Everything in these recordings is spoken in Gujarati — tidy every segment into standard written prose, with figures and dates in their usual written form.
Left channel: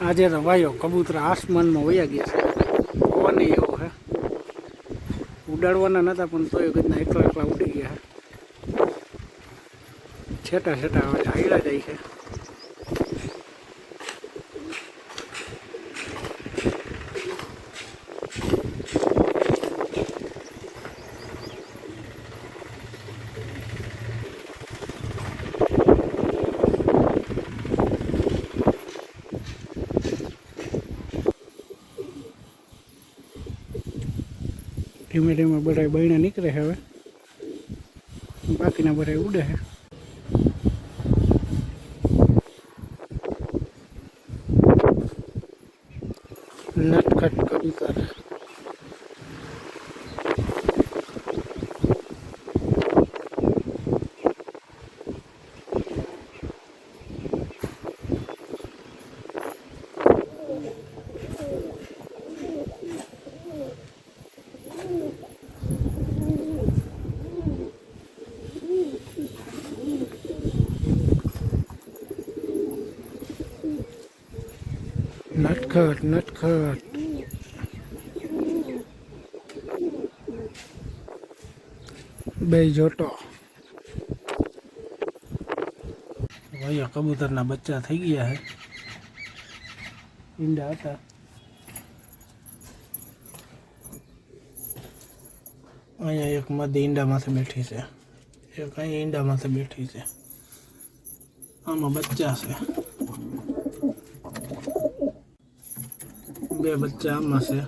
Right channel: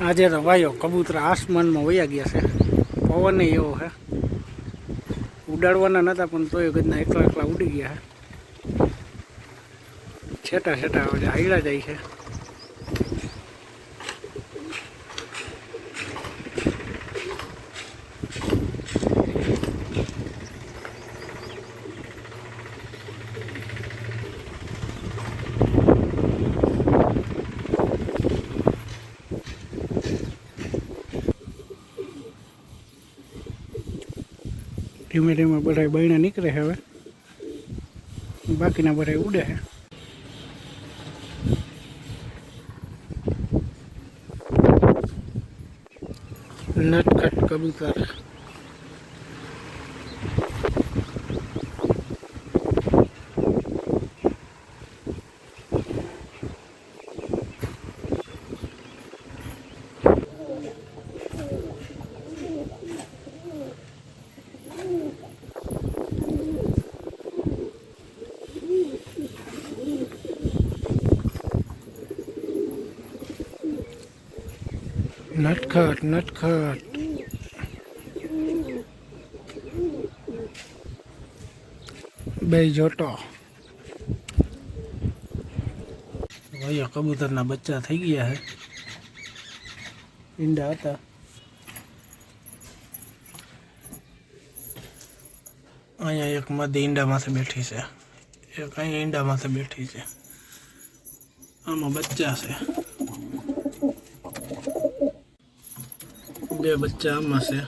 આજે રવાયો કબૂતરા આસમાનમાં વયા ગયા છે. પવન એવો છે, ઉડાડવાના નતા પણ તોય ગદના એકલા એકલા ઉડી ગયા છે. છેટા છેટા હવે હાઈલા જાય છે. ધીમે ધીમે બધા બહેણા નીકળે છે. હવે બાકીના બધા ઉડે છે. નટખટ કબૂતર. નટખટ નટખટ. બે જોટો. ભાઈઓ કબૂતરના બચ્ચા થઈ ગયા છે. ઈંડા હતા. અહીંયા એક મધી ઈંડામાંથી બેઠી છે, એક અહીંયા ઈંડામાંથી બેઠી છે. આમાં બચ્ચા છે. બે બચ્ચા આમાં છે.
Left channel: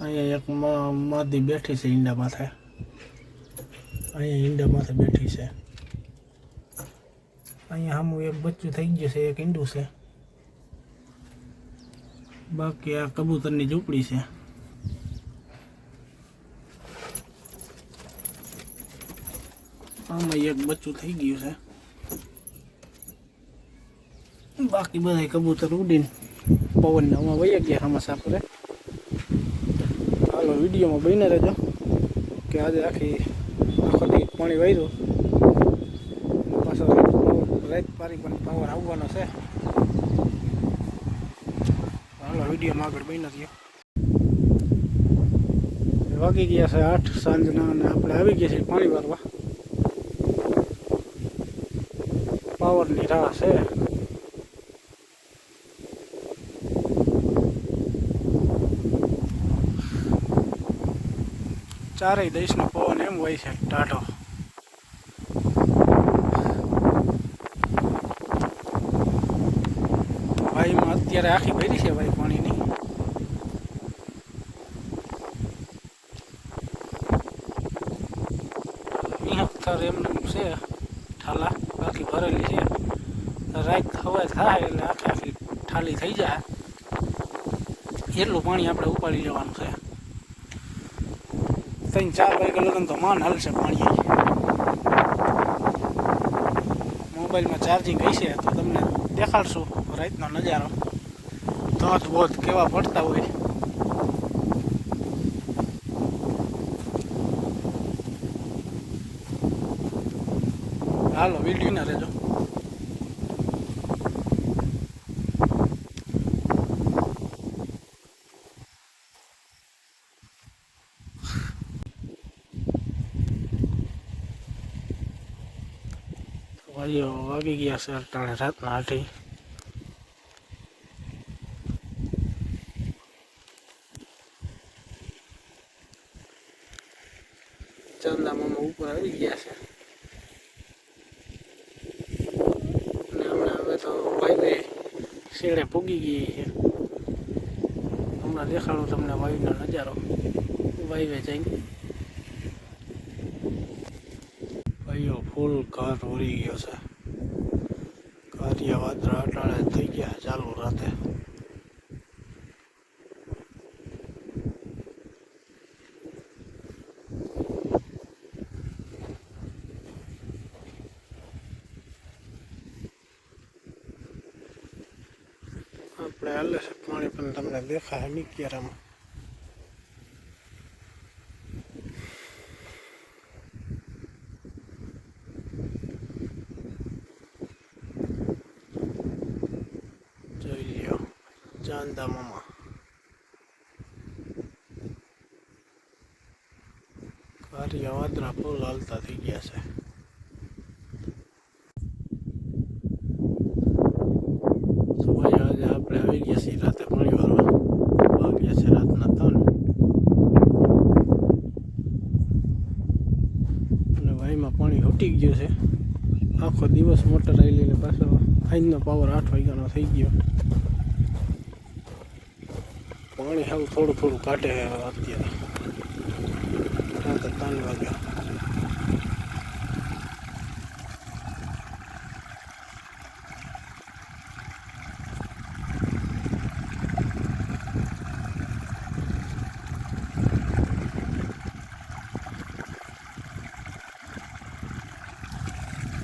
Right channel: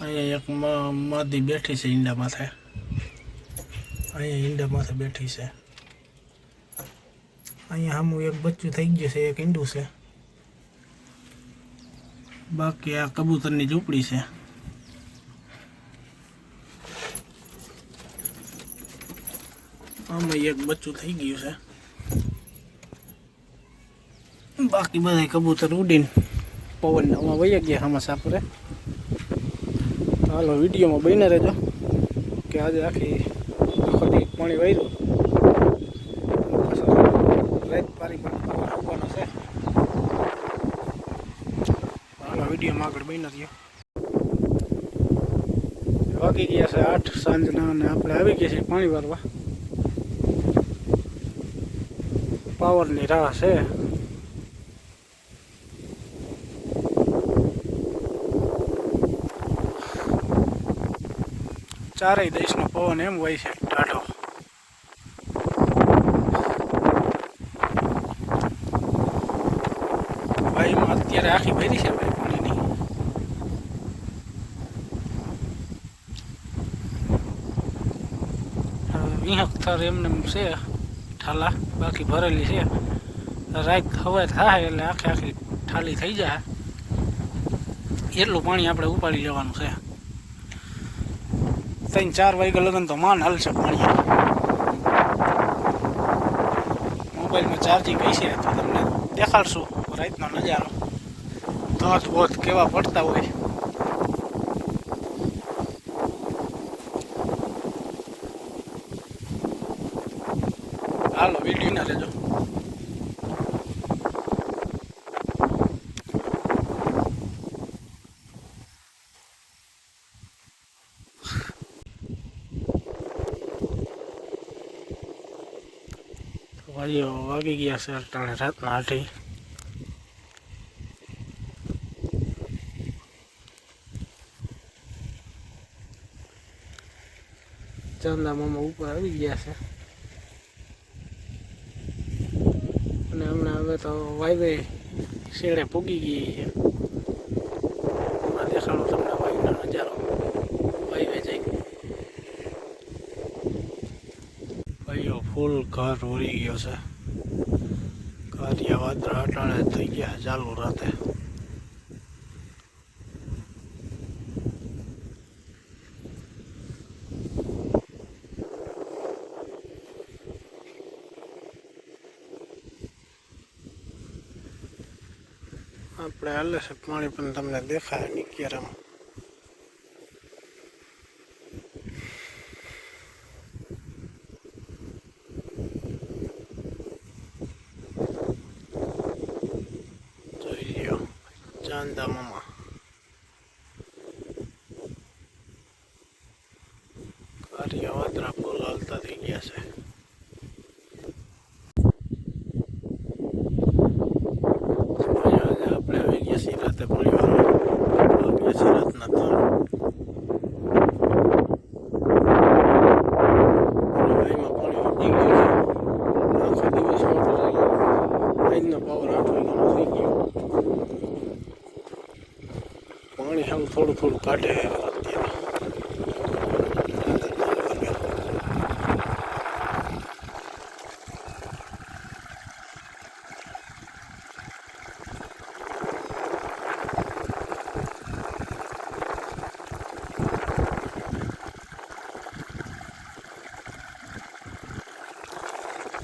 અહીંયા એક માદી બેઠી છે ઈંડા માથે. અહીંયા ઈંડા માથે બેઠી છે. અહીંયા સામું એક બચ્ચું થઈ ગયું છે, એક ઈંડું છે. બાકી આ કબૂતરની ઝૂંપડી છે. આમાં એક બચ્ચું થઈ ગયું છે. બાકી બધા કબૂતર ઉડીને પવનના આમાં વહી ગયા આમાં સાપરે. હાલો વિડીયોમાં બને રહેજો કે આજે આખો દી પાણી વાર્યું પાછો રાત પારી પણ પવન આવવાનો છે. હાલો વિડીયોમાં આગળ બને રહ્યો. વાગી ગયા છે 8 સાંજના અને આપણે આવી ગયા છીએ પાણી વારવા. પાવરની રાહ છે. ચારેય દેશનો પવન એમ હોય છે ટાઢો. ભાઈમાં અત્યારે આખી ભરી છે ભાઈ પાણીની. થર એમને છે ઠાલા, બાકી ભરેલી છે. રાત હવે થાય એટલે આખી ઠાલી થઈ જાય એટલું પાણી આપણે ઉપાડી લેવાનું છે. 3-4 વાગ્યા લગન તો માન હાલશે પાણી. મોબાઈલમાં ચાર્જિંગ હશે તો તમને દેખાડશું રાતનો નજારો. ધોધ બોધ કેવા પડતા હોય. હાલો વિડીયો ના રહેજો. વાગી ગયા છે અટાણે રાતના 8. ચાંદા મામા ઉપર આવી ગયા છે અને હમણાં હવે તો વાયવે શેડે પૂગી ગઈ છે. હમણાં દેખાડો તમને વાયુનો નજારો. વાયવે જઈ ભાઈઓ ફૂલ ઘર ઉડી ગયો છે. કારિયા વાદળા અટાણે થઈ ગયા ચાલુ રાતે. આપણે હાલે છે પાણી પણ તમને દેખાય નહીં ક્યારામાં. ચાંદા મામા કારિયા વાદરા ફૂલ હાલતા થઈ ગયા છે. આજે આપણે આવી ગયા છીએ રાતે ઘણી વાર વાગ્યા છે રાતના 3. ભાઈમાં પાણી ઉટી ગયું છે. આખો દિવસ મોટર થઈ ગયો. ફાઈનનો પાવર 8 વાગ્યાનો થઈ ગયો. પાણી હવે થોડું થોડું કાઢે અત્યારે.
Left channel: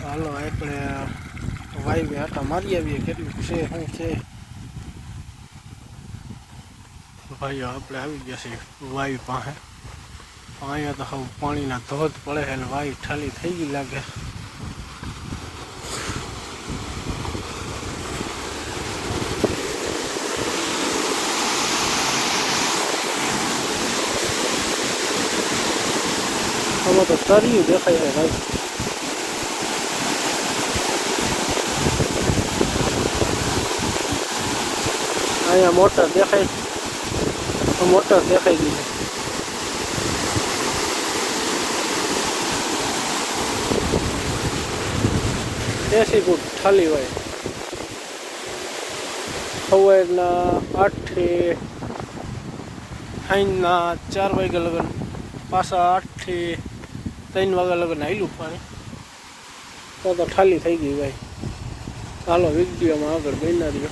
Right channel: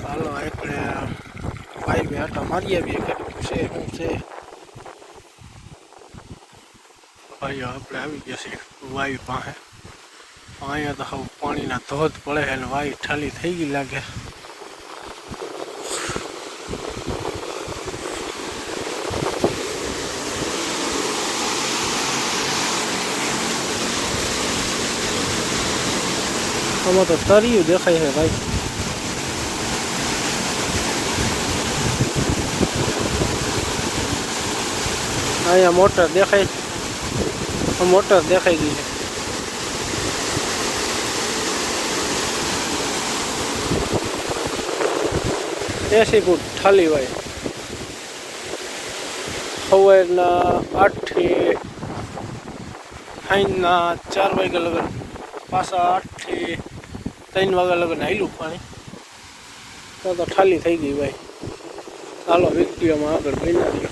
હાલો આપણે વાયવે આટા મારી આવીએ કેટલું છે શું છે. ભાઈઓ આપણે આવી ગયા છીએ વાયુ પાસે. અહીંયા તો હવે પાણીના ધોધ પડે છે અને વાયુ ઠાલી થઈ ગઈ લાગે. આમાં તો તરિયું દેખાય છે ભાઈ. અહીંયા મોટર દેખાય, મોટર દેખાઈ ગઈ છે. એસી ફૂટ ઠાલી હોય. સવારના 8 થી સાંજના 4 વાગ્યા લગન પાછા 8 થી 3 વાગ્યા લગન હાલ્યું પાણી. તો ઠાલી થઈ ગઈ ભાઈ. ચાલો વિડીયોમાં આગળ બના દો.